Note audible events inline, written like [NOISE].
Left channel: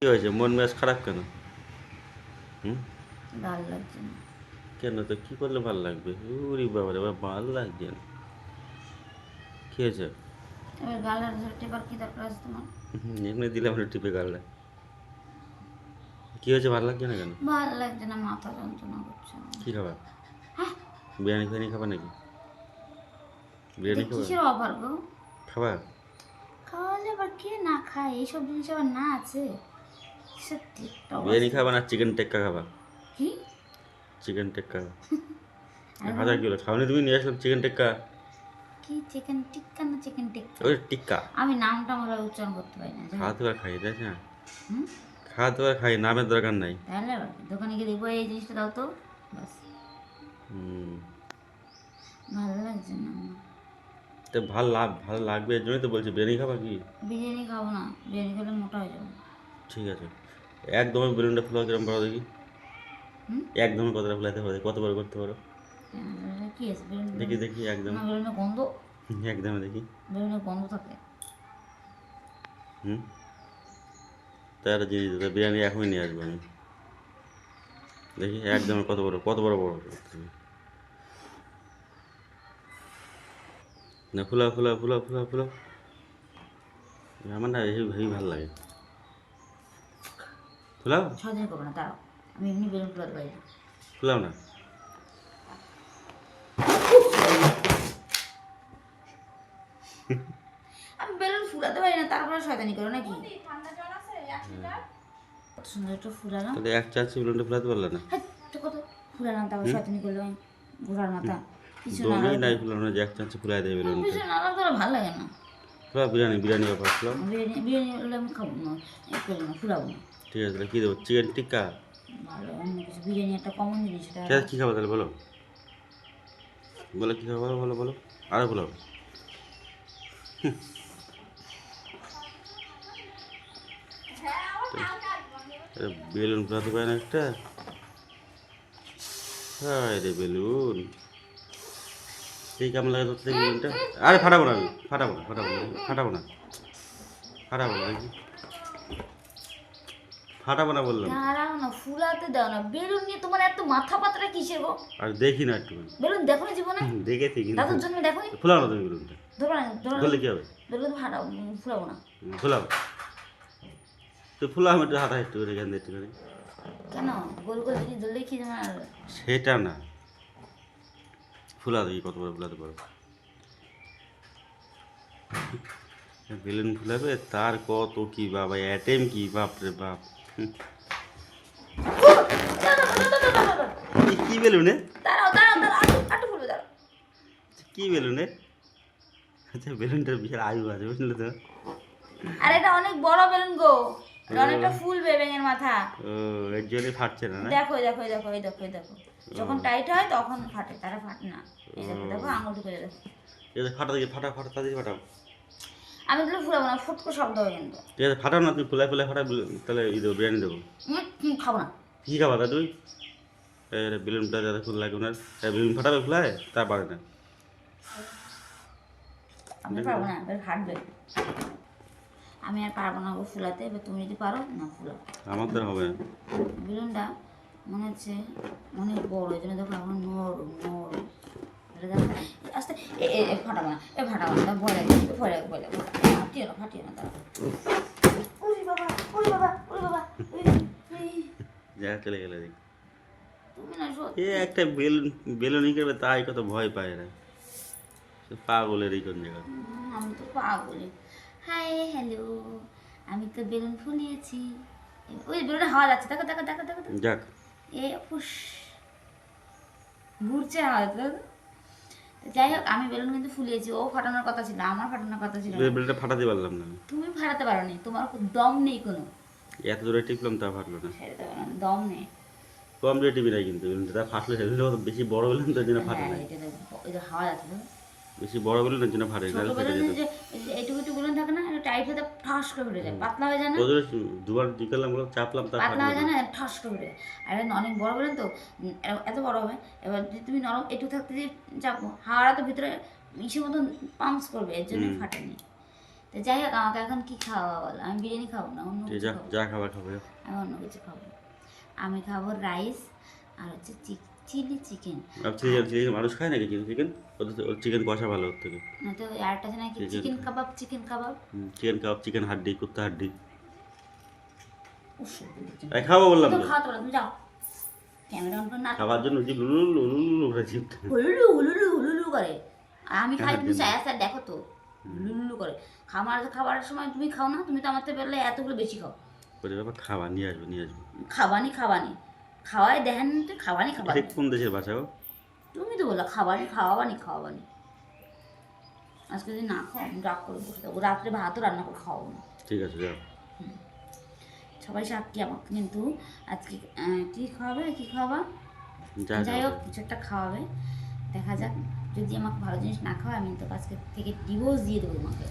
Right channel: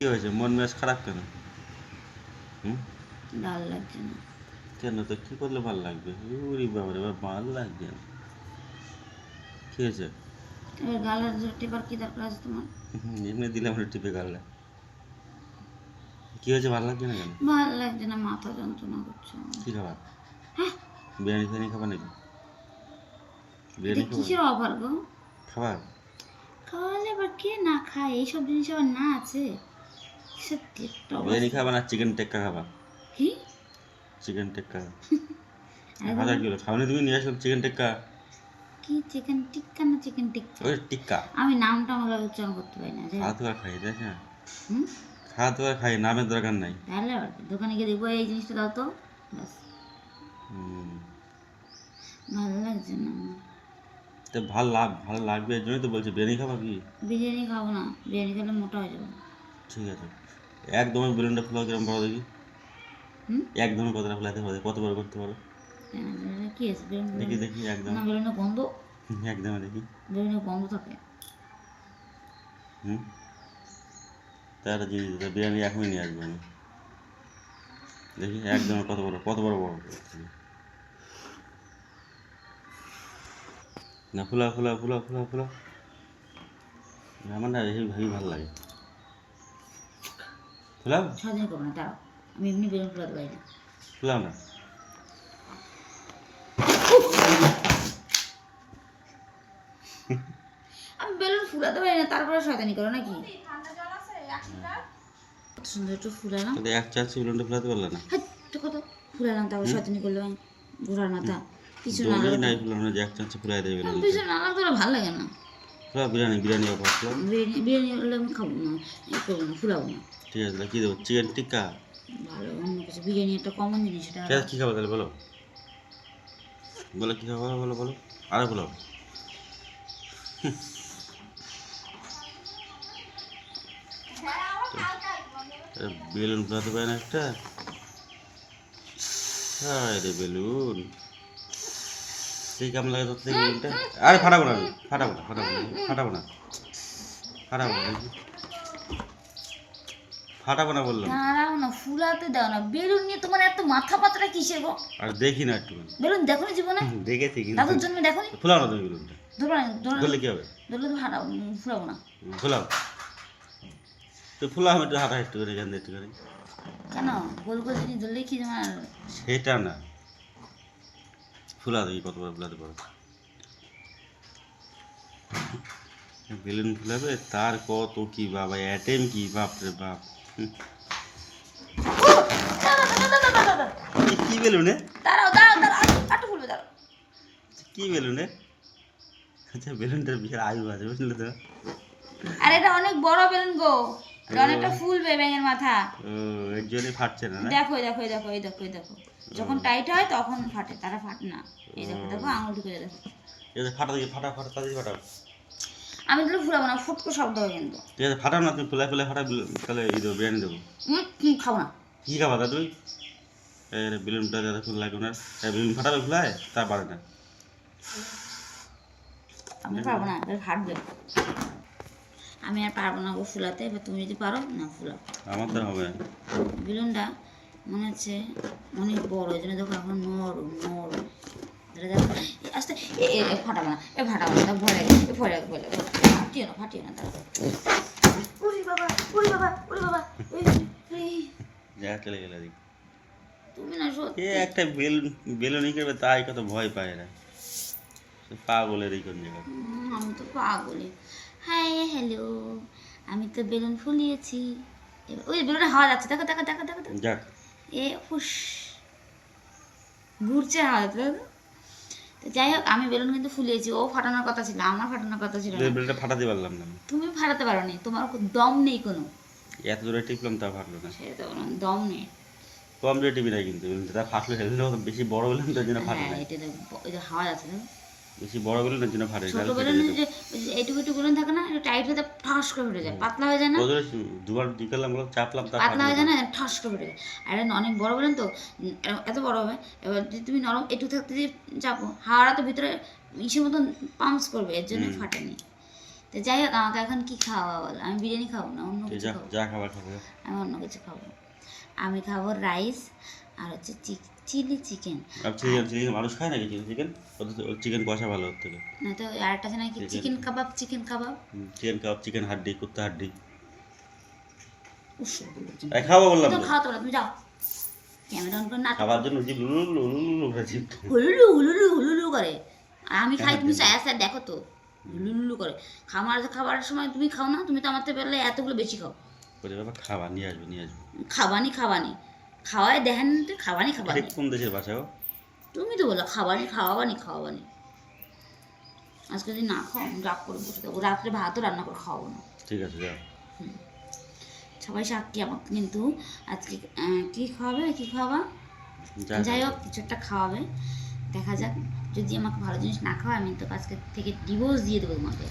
কি হয়েছে? মন মেজাজ খারাপ কেন? হুম? ভালো লাগছে না। কেন? তো কি করলে ভালো লাগবে? উরি বাবা রে ভালো লাগছে না। কি হয়েছে? এবার গালের টেপার কি দরকার আছে তোমার? এমনি দিলাম না টিপে গালটা কি হয়েছে? ভালো লাগছে না কেন? ভালো লাগছে না মাথা যন্ত্রণা করছে কি খাবার? হ্যাঁ? বিরিয়ানি ফিরিয়ানি খাবার নাকি? বিরিয়ানি কিসের অফার গো? খাবার? খাওয়ালে আবার কে না খায়? এইসব জিনিস আবার না আছে। বিরিয়ানি খাবার না চিকেন টেক্কা খাবার কি? চিকেন টেক্কা [LAUGHS] হাজার কিলো খাওনি তুমি নিয়ে আসলাম চিকেন টেক্কা। কি চিকেন টিক্কা না চিকেন টিক্কা? ওই টিক্কা। আমি নামটা আমার উচ্চারণ করতে পারি না খাওয়া তো খাই তাই না? হুম? খাওয়া তো খাই নামের দরকার নাই। তাহলে দোকানে গিয়ে দেখব এই জিনিসটা দাও তো ব্যাস। ভালো লাগছে না তো ভালো লাভ ভালো লাগবে এর জন্যই তো বলছি বিরিয়ানি খাবার কি? বিরিয়ানি খাব না বিরিয়ানি খেলে মোটা হয়ে যাব। ঠিক আছে। একদমই বেলুনটা ফোলা কিরম পারো দেখি? হুম? একদমই কতটা ফোলাতে পারো কতবার করতে পারো? কি আছে? দেখি দেখি একদম। গন্ধ একদমে দেখি। গন্ধ থাকে? হুম? তার জিনিস বিরিয়ানি এখনই নিয়ে আসব আমি। দেখি একদম কত বড় কত বড় বড় না ফুলা ফুলা ফুলা ফুলা ফুলা আমার না এই ভাবি ভালো লাগে। ফুলাও সারাদিন করব না দাঁড়াও। আমি এমনি বেলুন ফোলাতে পারি না ফুলাও না। আমি বেলুন ফুলাতে পারি না তারপরে শয়তানি করো নাকি? সুন্দর একটু ফুলালাম। এক চান্স বেলুনটা ফুলাতে পারলে না? হাই, কত ফুলালাম তারপর শয়তানি করলাম ঘোড়ার মাথা। কিছু না দমই নাই ফুলানো যে এক চান্স ফুলাই দেবে বেলুন কিছু না লাগতো ভালো লাগে না। ফুলা বিরিয়ানি বিরিয়ানি বিরিয়ানি বিরিয়ানি হলে আমি খাব না ফুলাবো না। ঠিক আছে তাহলে কী দেবো? চিকেন টিক্কা? ভালো অন্য কিছু। বিরিয়ানি একটা কমন জিনিস এটা ঠিক আছে কী খাব তাহলে বলো? বলো কী খাব বলো বলো বলো। আরও বলো। বেলুন ফুলাতে পারে না একটা? হায় রে বেলুন। সেই কেমন লাগে তোর বেলুনটা? আরে ফাটাবো না আমি ফাটাবো না ফাটাবো না ফাটাবো না। ফাটাবো না ফাটাবো না বললাম। দাঁড়াও না ফুলাতে দাও না। বেলুন নিয়ে তোমার এত মাথা পাতরা কিসে গো? আর দেখি না একটুখানি। বেলুন দেখো না জীবনে? দেখেছি কিন্তু দাদুর জন্য দেখো নি? ফুলাও না তুমি বেলুনটা। ধরো না ধরলে কি হবে? হাঁটাও ফুলাবো না। ফুলাও। তো ফুলাও একটু হাঁটা একটু করে এখান একটু করে কেন? গোল গোল ধরলে কি তোমার সেটা না। ফুলা কত বড় ফুলাতে পারো। বেলুন ফুলাবে তার কত কি বাবা অ্যাটেম কি? বাপরে বাপ। কি- বেলুনে দাঁড়াও দাঁড়াও দাঁড়াও আটু আটু ফুলবে দাঁড়াও। কি বেলুনে আচ্ছা বেলুনটার বিশাল আয়ু আছে বুঝলে তো? আর এটা অনেক বড় বেলুন গো। এটা অনেকটা ফুলবে ব্যাঙের মাথা। ও এর জন্যই ফাটছে না দেখো দেখো দেখো এই দেখো এই দেখো। যখন টাইট হয় তখন ফাটে তারা ফাটে না। এই দেখো দেখো আঙুল ঢুকে যায় এই ফাটা দেখি ফাটা ফাটা ফাটাও। আমি তাহলে ফুলাবো না ফুটকো শব্দ হয় কিন্তু। ঠিক আছে ফাটাও না তুমি ফুলাই ফুলাই ফাটা তাহলে এই দেবো বিরিয়ানি দেবো। খাব না। কী খাবা তা তুই? বেলুনটা যারা ফুল লাগে ওনার। বেলুন ফাটাবে ফুলায়? তা পারে না। আমি পারব না ফাটবে। আমি আর পারব না গো ফুলাতে এবার তুমি যদি পারো না ফুলাও। আমার তো হবে বেলুনটা মনে হচ্ছে অনেক বড় এই জন্য দেখো এখন নরম নরম। এটা দেখো। আস্তে এ এ এ, ফাটাবো না এ ফাটাবো না ভয় লাগে এ ভয় লাগে ভয় লাগে ফাটিও না ফাটিও না দাঁড়াও। ওরে বাবা ওরে বাবা ওরে বাবা যা চলে গেলে দেখি তুমি না সত্যি। এ একটা বেলুন বেলুনই করবে তাই কত ভয় পায় না সে পাগলের এই কোন জায়গা আমি তো পাগলি হাই হ্যালো আমি তো বেলুন ফুলিয়েছি। ওই বেলুনে হাওয়া যাচ্ছে দেখো দেখো দেখো দেখো দেখো। যাক। এ হুস ঘুরছে হাওয়া যাচ্ছে দেখো। যাই হোক আমি বেলুন কিন্তু ফুলিয়েছি ও ফাটানোর কথা ছিল আমার ফাটানোর কথা ছিল না। বেলুনটা ফাটাতে পারলাম না তুমি ফাটাতে পারো নি তোমার দম নেই কোনো। এত জোরে টিপলাম তা ফাটলো না। সেটা তো দম নেই। কম জোরে টিপি না কিন্তু বেলুনটা ফাটলো হেললেও বেশি বড় বেলুনটার জন্য ফাটে হ্যাঁ না এটা তো হাওয়া যাচ্ছে বেশি বড় বেলুনের জন্য ফাটে ছোট তাহলে ফেটে বেলুন যে এইটুকু টুকু বেলুন থাকে না টাইট হতে ঠাস করে ফেটে যায় পাতলা হয়ে যায় না? দুবার টিকালাম বলো চাপলাম পাতলা হয়ে যায় না ঠাস করে ফেটে যায়। আর অনেক বড় বলেন তো এত বড় হবে এবার যদি তুমি নরম একটু থাকতে যদি চাপো হাওয়াটা তো ভিতরে ইসের মতন পাম্পস করবে এর জন্য ফাটেনি। তো যাই হোক আমাকে এখন কি খাওয়া বল? আমি বিরিয়ানি খাব না অন্য কিছু খাব। আমি অন্য কিছু খাব। আমি খাব রাইস আর হচ্ছে চিলি চিকেন। আর চিকেন চিকেন মানুষ খায় নাকি চিকেন? চিকেন চিকেন কষা ভালো ওর থেকে। না তো আরেকটা আছে নাকি. Chicken kebab chicken kebab. Chicken kebab chicken হাড্ডি কুত্তা হাড্ডি। এই খাব বললাম তো খাওয়াতে পারো তুমি যাও। ক্যামেরা অন করে না খাবার জন্য জিভ লুলু লুলু করে জিভ আমি খাই তুমি সায়া সায়া দেখো তো। করে। খাবার খাবারের সময় তুমি খাও না তুমি তো আমার থেকে এতগুলো বেশি খাও। বলে বাবা খাবার নিয়ে আসব নিয়ে আসব। খাবানি খাবানি। খাওয়াই দেখেন তো খাবানি সে কোন দেশের ভাষা তুমি তো বলো খাবানি খাওয়াবানি খাওয়াবানি। আজকে যদি না খাও আমি রাগ করে বসে থাকব। রাত্রে ভাতও রান্না করে খাওয়াবো না। ঠিক আছে যাও। সবাই সাক্ষী আমাকে কিন্তু আজকে কি খাওয়াবে কি খাওয়াবা? যাই হোক কিছু একটা খাওয়াবে। দেখা যাক যদি আমাকে ভালো জিনিস না খাওয়ায় আমি তো আজকে থেকে ডিভোর্স দিয়ে দেবো তোমাকে।